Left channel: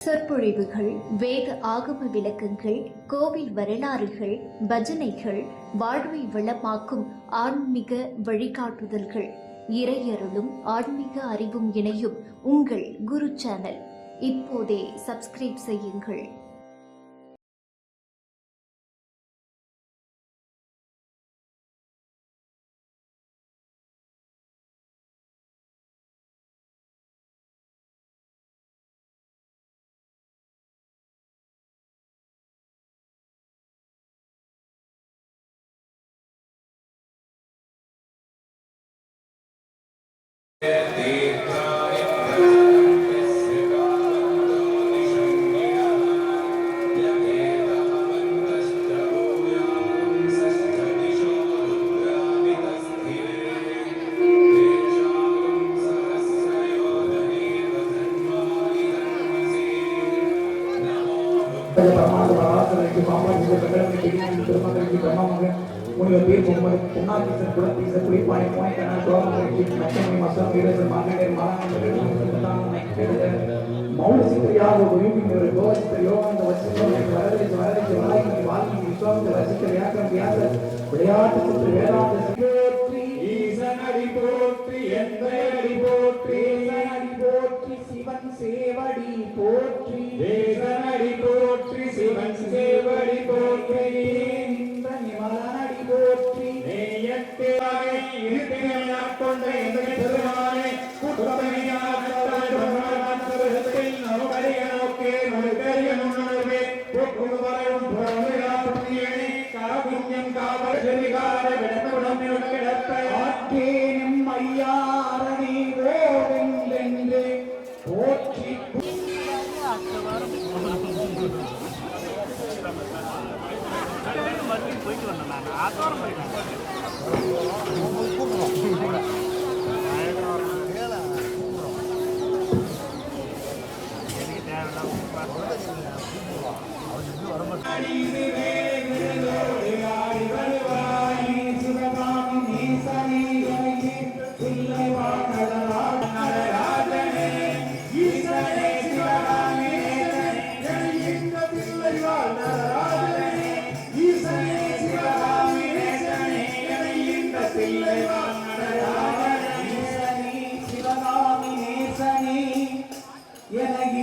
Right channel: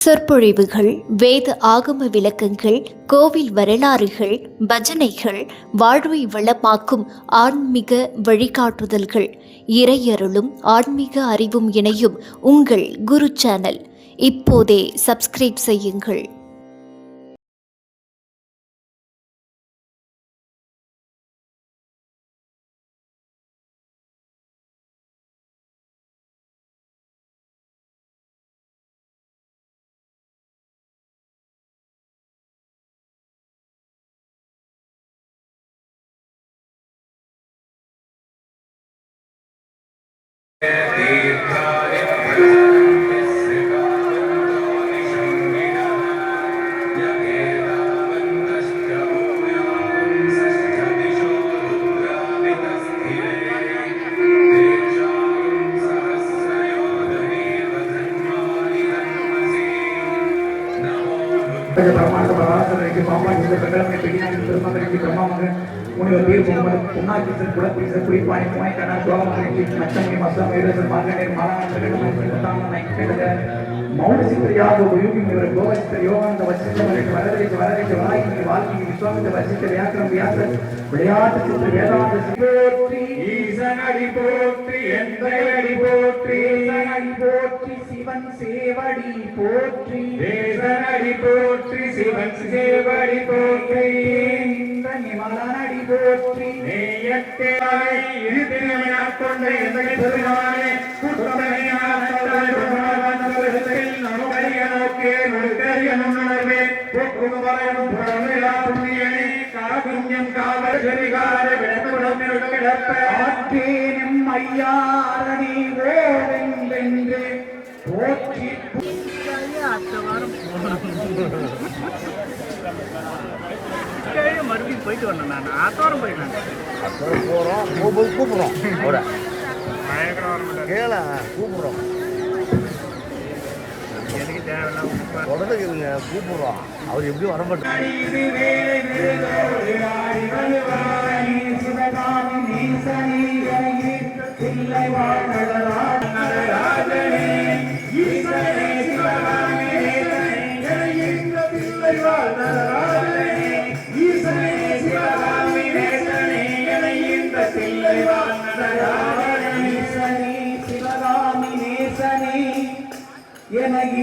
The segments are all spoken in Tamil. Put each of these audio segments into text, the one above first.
சொற்பொழிவுகள், வேத ஆகம விளக்கங்கள், கோவில் வரலாறுகள், பஜனைகள், வாழ்வை வளமாக்கும் ஆன்மீக வழிகாட்டுதல்கள், இறையருளும் ஆன்மீக அறிவும் இணையும் உங்கள் குரு சேனல். இப்போதே சப்ஸ்கிரைப் செய்யுங்கள். சிவன் சேவடி போற்றி தேசனடி போற்றி சிவன் சேவடி போற்றி நிமலனடி போற்றி நேயத்தேனை இருதினையாக் கொண்ட எந்தகை பெருமானே குற்றமையானத்தில் நமக்கரிய நோக்கே நடுக்கரிய நுண்ணர்வே போக்குவரையும் புறமையா புண்ணியனே காவியம் காவல் செறிகார விடத்துடன் கிடப்ப ஆற்றேனும் ஐயாரணி ஓவென்றென்று போற்றி மறுபடியும் போயிட்டு வரணும். நான் ஆத்தோரம் போயிட்டேன். கூப்பிடுறோம் கூப்பிடுறோம் எனக்கு தேவையில்ல கூப்பிடுறோம். அவர் எப்படி வரமாட்டார்.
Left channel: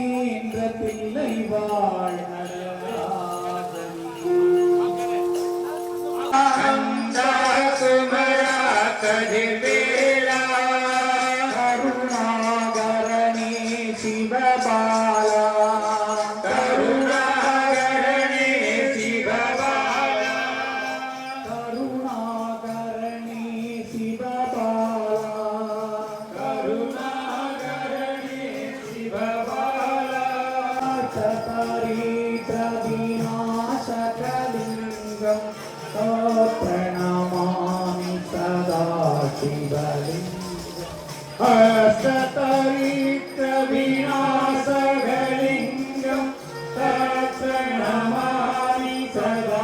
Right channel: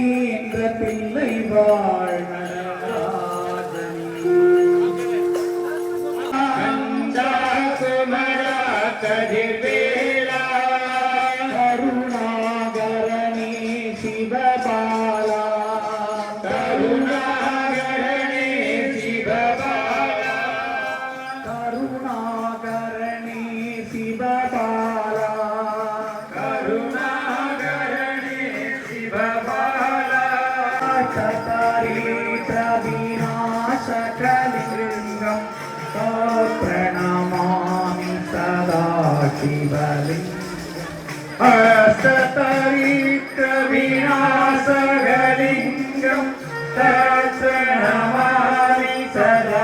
என்ற பிள்ளை வாழ் கதிர்வேலா கருணாகரணி சிவபாலா கருணாகரணி சிவபாலா கருணாகரணி சிவபாலா கருணாகரணி சிவபாலா சதரீத விநாசகலிங்கம் பிரணமாமி சதா சிவலிங்கம் சதரீத விநாசகலிங்கம் பிரணமாமி சதா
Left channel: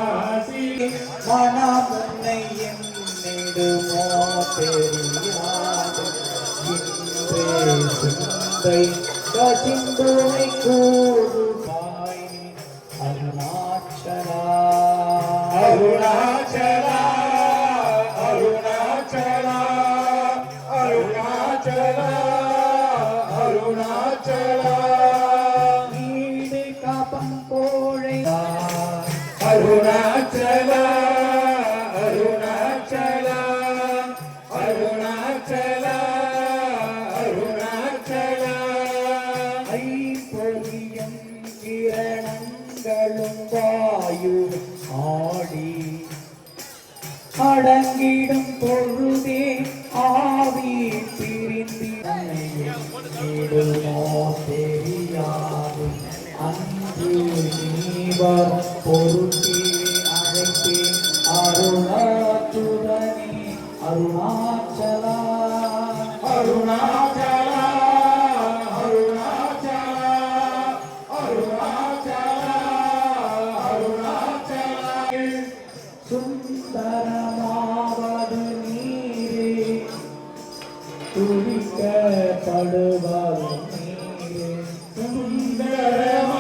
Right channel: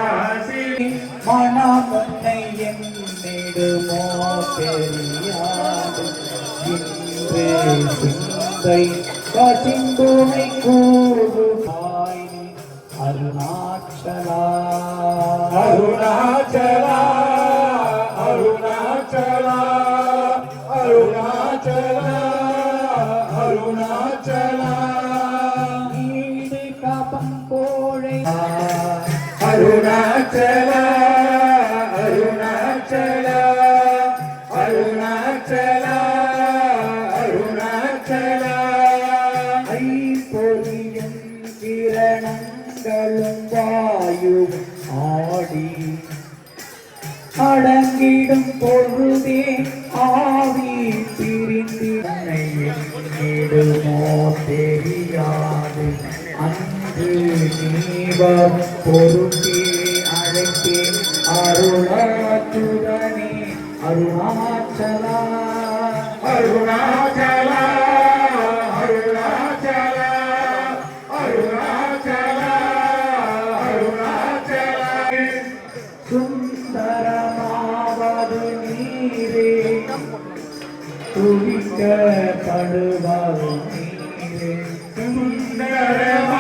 மனமுன்னை என்னிடுமோ தெரியாது இன்று சிந்தை கசிந்துனை கூறு அருணாச்சலா அருணாச்சலா அருணாச்சலா அருணாச்சலா அருணாச்சலா நீடு காப்பம் கோழை அருணாச்சலா அருணாச்சலா அருணாச்சலா அருணாச்சலா ஐம்பொறியும் கிரணங்களும் வாயும் ஆடி அடங்கிடும் பொழுதே ஆவி பிரிந்திடுமோ தெரியாது அன்று நீவர் பொருட்டே அழைத்தே அருணாத்துடனே அருணாச்சலா அருணாச்சலா அருணாச்சலா அருணாச்சலா அருணாச்சலா சுந்தரமாவது நீரே துவிக்க படுவது நீரே சுந்தரமா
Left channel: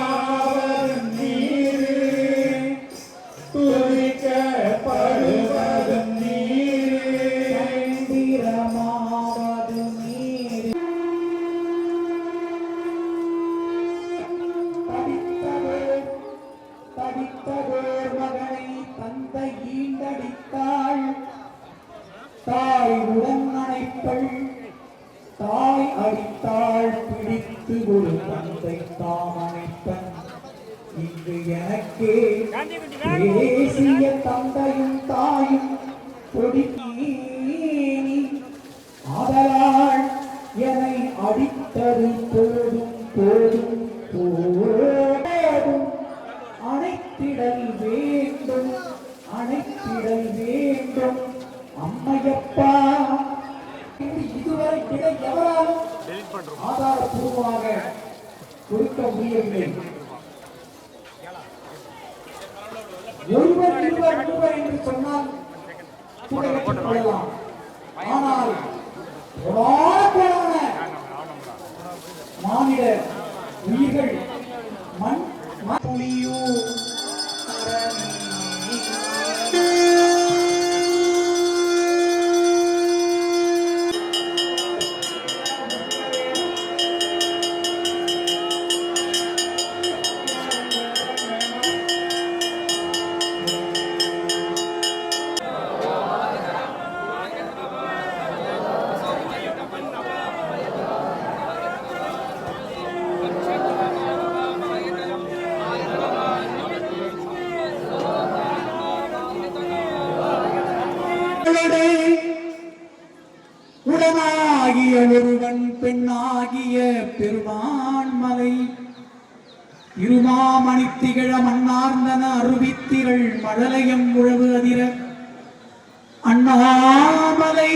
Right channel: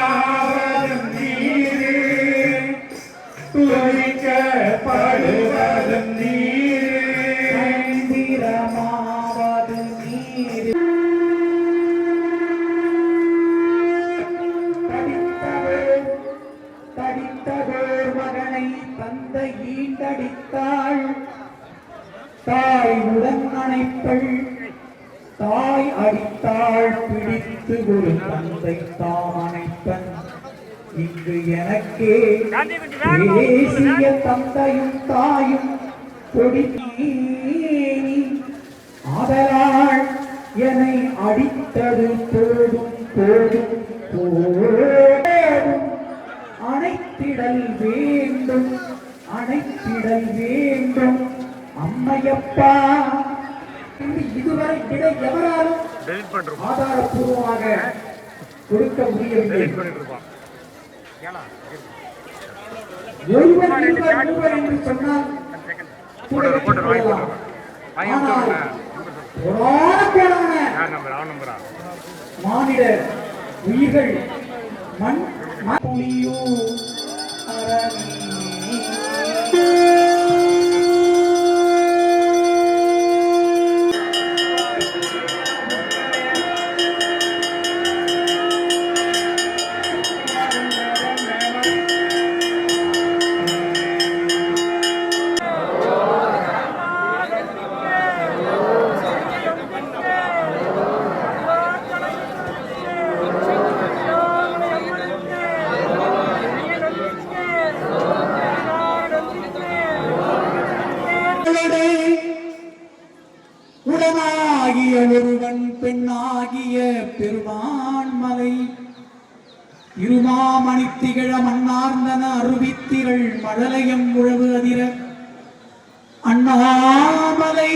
பிடித்தாள் தாய் உடன் அணைப்பள் தாய் அடித்தாள் பிடித்து ஒரு தந்தை தாம் அணைப்பன் இங்கு எனக்கே தேசிய தந்தையும் தாயும் கொடித்தீனி ஆதலால் என்னை அடித்தது போதும் போதும் போதும் அணைத்திடல் வேண்டும் அணைத்திடல் வேண்டும் அம்மையப்பா இதுவரை விட எவராலும் ஆதாரப்பூர்வமாக கொடுக்க முடியவில்லை. ஒருவர் இருவர் மூவர் என்று சொன்னால் ஆனால் மாநில உயிர்கள் மண் புலியூர் அரணி. உடனாகிய ஒருவன் பெண்ணாகிய பெருமான்மலை இருமாமணி திகழ மன்னார்ந்தன அருவித்திரள் மழலையம் உழவு அதிர அண்ணாமலை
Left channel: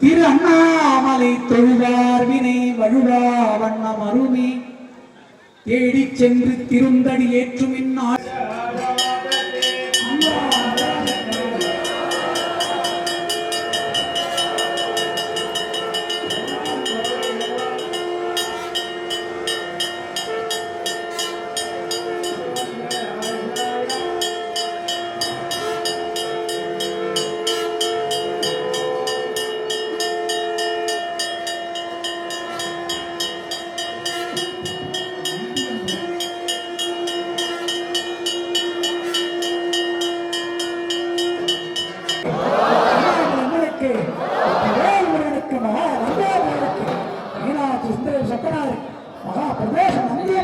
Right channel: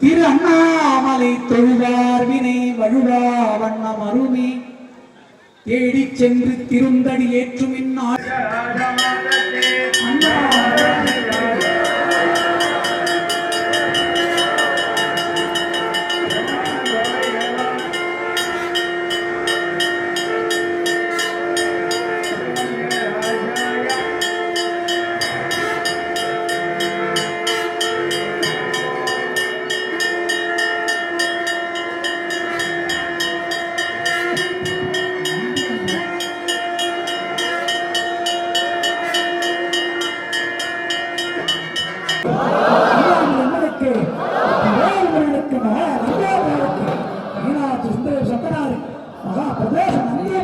திரு அண்ணாமலை தொழுவார் வினை வழுவா வண்ணம் அருமே தேடிச் சென்று திருந்தடி ஏற்றும் இந்நாள் மகா பிரதேச மந்திரி